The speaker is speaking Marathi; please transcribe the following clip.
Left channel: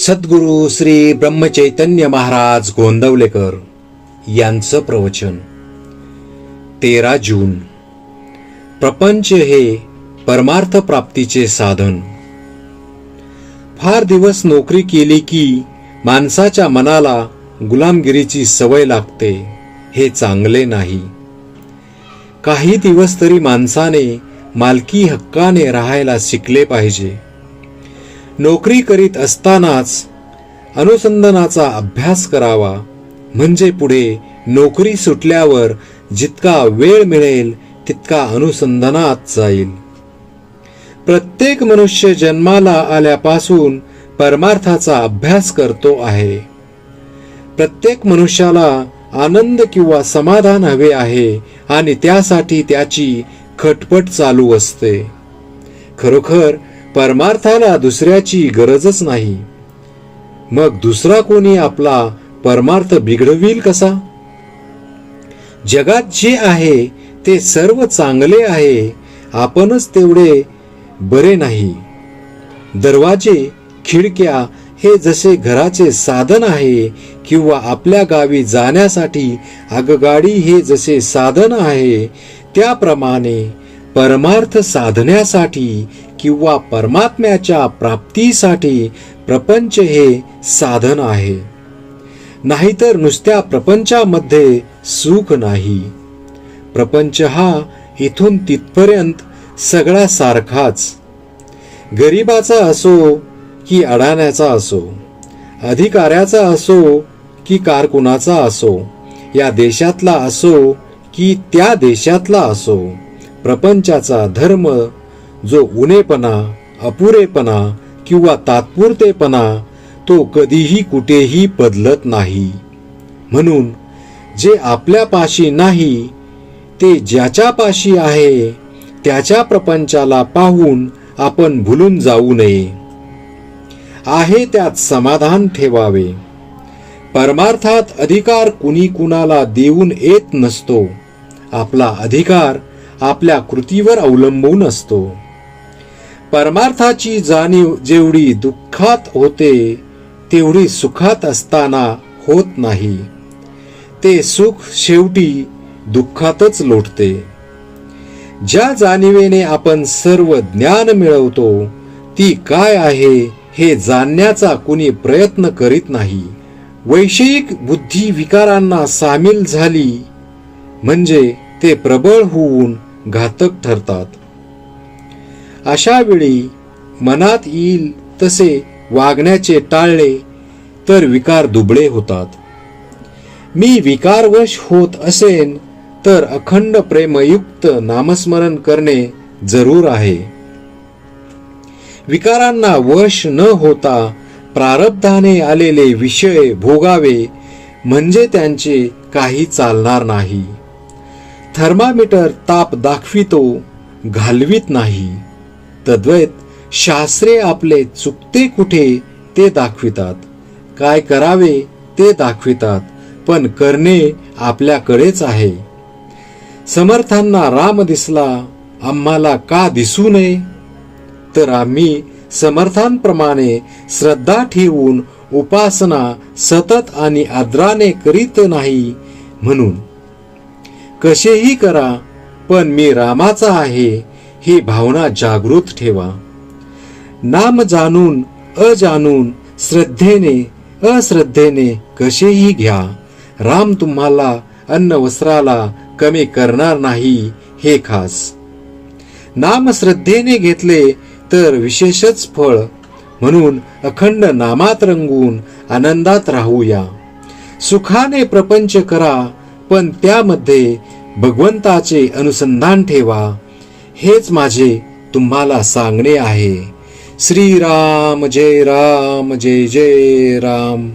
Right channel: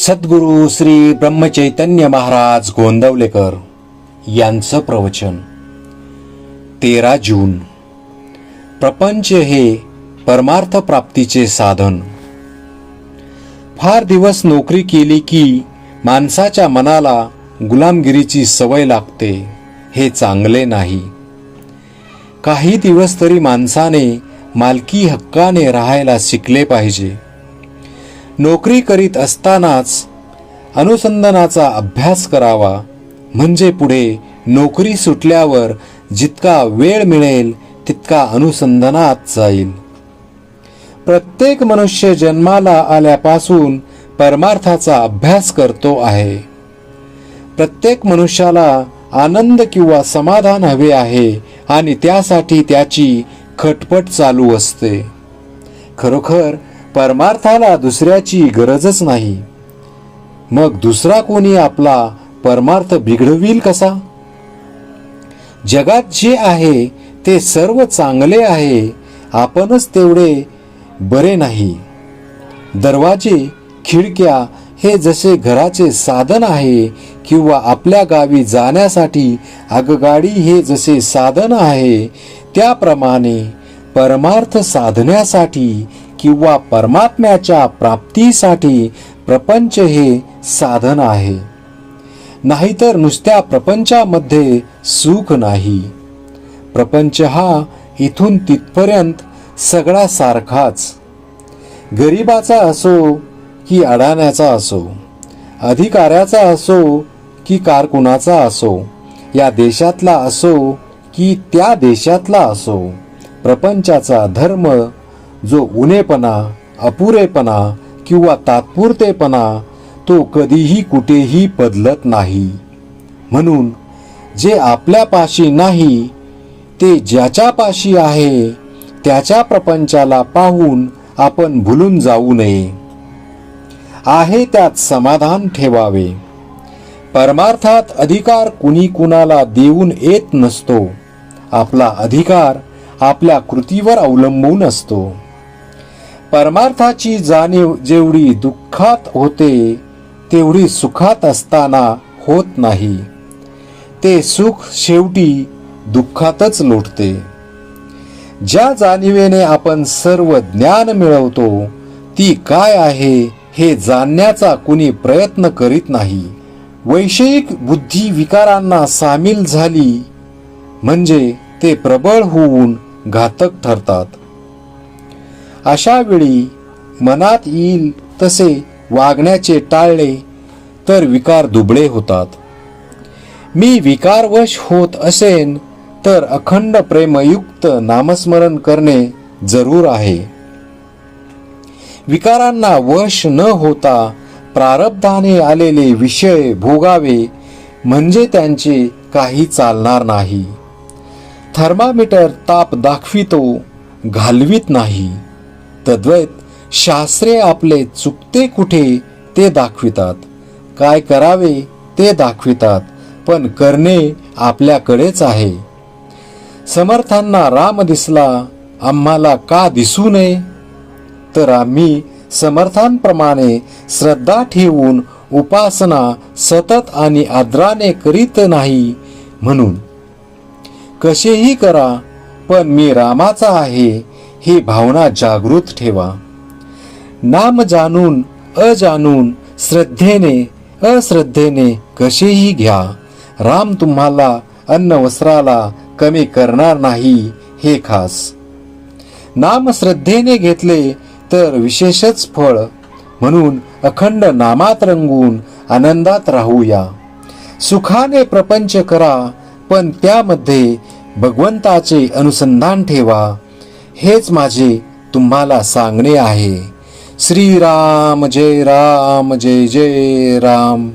सद्गुरु श्री ब्रह्मचैतन्य महाराज गोंदवलेकर यांचं प्रवचन 13 जून. प्रपंच हे परमार्थ प्राप्तीचे साधन. फार दिवस नोकरी केली की माणसाच्या मनाला गुलामगिरीची सवय लागते. हे चांगले नाही. काही दिवस तरी माणसाने मालकी हक्काने राहायला शिकले पाहिजे. नोकरी करीत असतानाच अनुसंधानाचा अभ्यास करावा, म्हणजे पुढे नोकरी सुटल्यावर जितका वेळ मिळेल तितका अनुसंधानात जाईल. प्रत्येक मनुष्य जन्माला आल्यापासून परमार्थाचा अभ्यास करतो आहे. प्रत्येक मनुष्याला आनंद किंवा समाधान हवे आहे आणि त्यासाठी त्याची खटपट चालू असते. खरोखर परमार्थाला दुसऱ्याची गरजच नाही. मग दुसरा कोणी आपला परमार्थ बिघडविल कसा? जगात जे आहे ते सर्व चांगले आहे, आपणच तेवढे बरे नाही. दरवाजे, खिडक्या हे जसे घराचे साधन आहे किंवा आपल्या गावी जाण्यासाठी आगगाडी हे जसे साधन आहे, त्याप्रमाणे परमार्थ साधण्यासाठी किंवा परमात्म्याच्या प्राप्तीसाठी प्रपंच हे साधन आहे. नाहीतर नुसत्या प्रपंचामध्ये सुख नाही. प्रपंच हा इथून तिथपर्यंत सगळा सारखाच. गरिबाचा असो की अडाण्याचा असो, अधिकाऱ्याचा असो की कारकुनाचा असो, या देशातला असो की त्या देशातला असो, प्रपंचाचा धर्म जो उणेपणा, अपुरेपणा किंवा तात्पुरतेपणा तो कधीही कुठेही बदलत नाही. म्हणून जे आपल्यापाशी नाही ते ज्याच्यापाशी आहे त्याच्या प्रपंचाला पाहून आपण भुलून जाऊ नये. आहे त्यात समाधान ठेवावे. परमार्थात अधिकार कुणी कुणाला देऊन येत नसतो. आपला अधिकार आपल्या कृतीवर अवलंबून असतो. परमार्थाची जाणीव जेवढी दुःखात होते तेवढी सुखात असताना होत नाही. ते सुख शेवटी दुःखातच लोटते. ज्या जाणीवेने आपण सर्व ज्ञान मिळवतो ती काय आहे हे जाणण्याचा कुणी प्रयत्न करीत नाही. वैषयिक बुद्धी विकारांना सामील झाली म्हणजे ते प्रबळ होऊन घातक ठरतात. अशा वेळी मनात येईल तसे वागण्याचे टाळले तर विकार दुबळे होतात. मी विकारवश होत असेन तर अखंड प्रेमयुक्त नामस्मरण करणे जरूर आहे. विकारांना वश न होता प्रारब्धाने आलेले विषय भोगावे म्हणजे त्यांचे काही चालणार नाही. थर्मामीटर ताप दाखवितो, घालवीत नाही. तद्वैत शास्त्रे आपले चुकते कुठे ते दाखवितात, काय करावे ते दाखवितात, पण करणे आपल्याकडेच आहे. समर्थांना राम दिसला, आम्हाला का दिसू नये? तर आम्ही समर्थांप्रमाणे श्रद्धा ठेवून उपासना सतत आणि आदराने करीत नाही. म्हणून कसेही करा पण मी रामाचा आहे ही भावना जागृत ठेवा. नाम जाणून अजाणून, श्रद्धेने अश्रद्धेने कसेही घ्या, राम तुम्हाला अन्न वस्त्राला कमी करणार नाही हे खास. नाम श्रद्धेने घेतले तर विशेषच फळ. म्हणून अखंड नामात रंगून आनंदात राहूया. सुखाने प्रपंच करा पण त्यामध्ये भगवंताचे अनुसंधान ठेवा. हेच माझे तुम्हाला सांगणे आहे. श्रीराम जय राम, जय जय राम.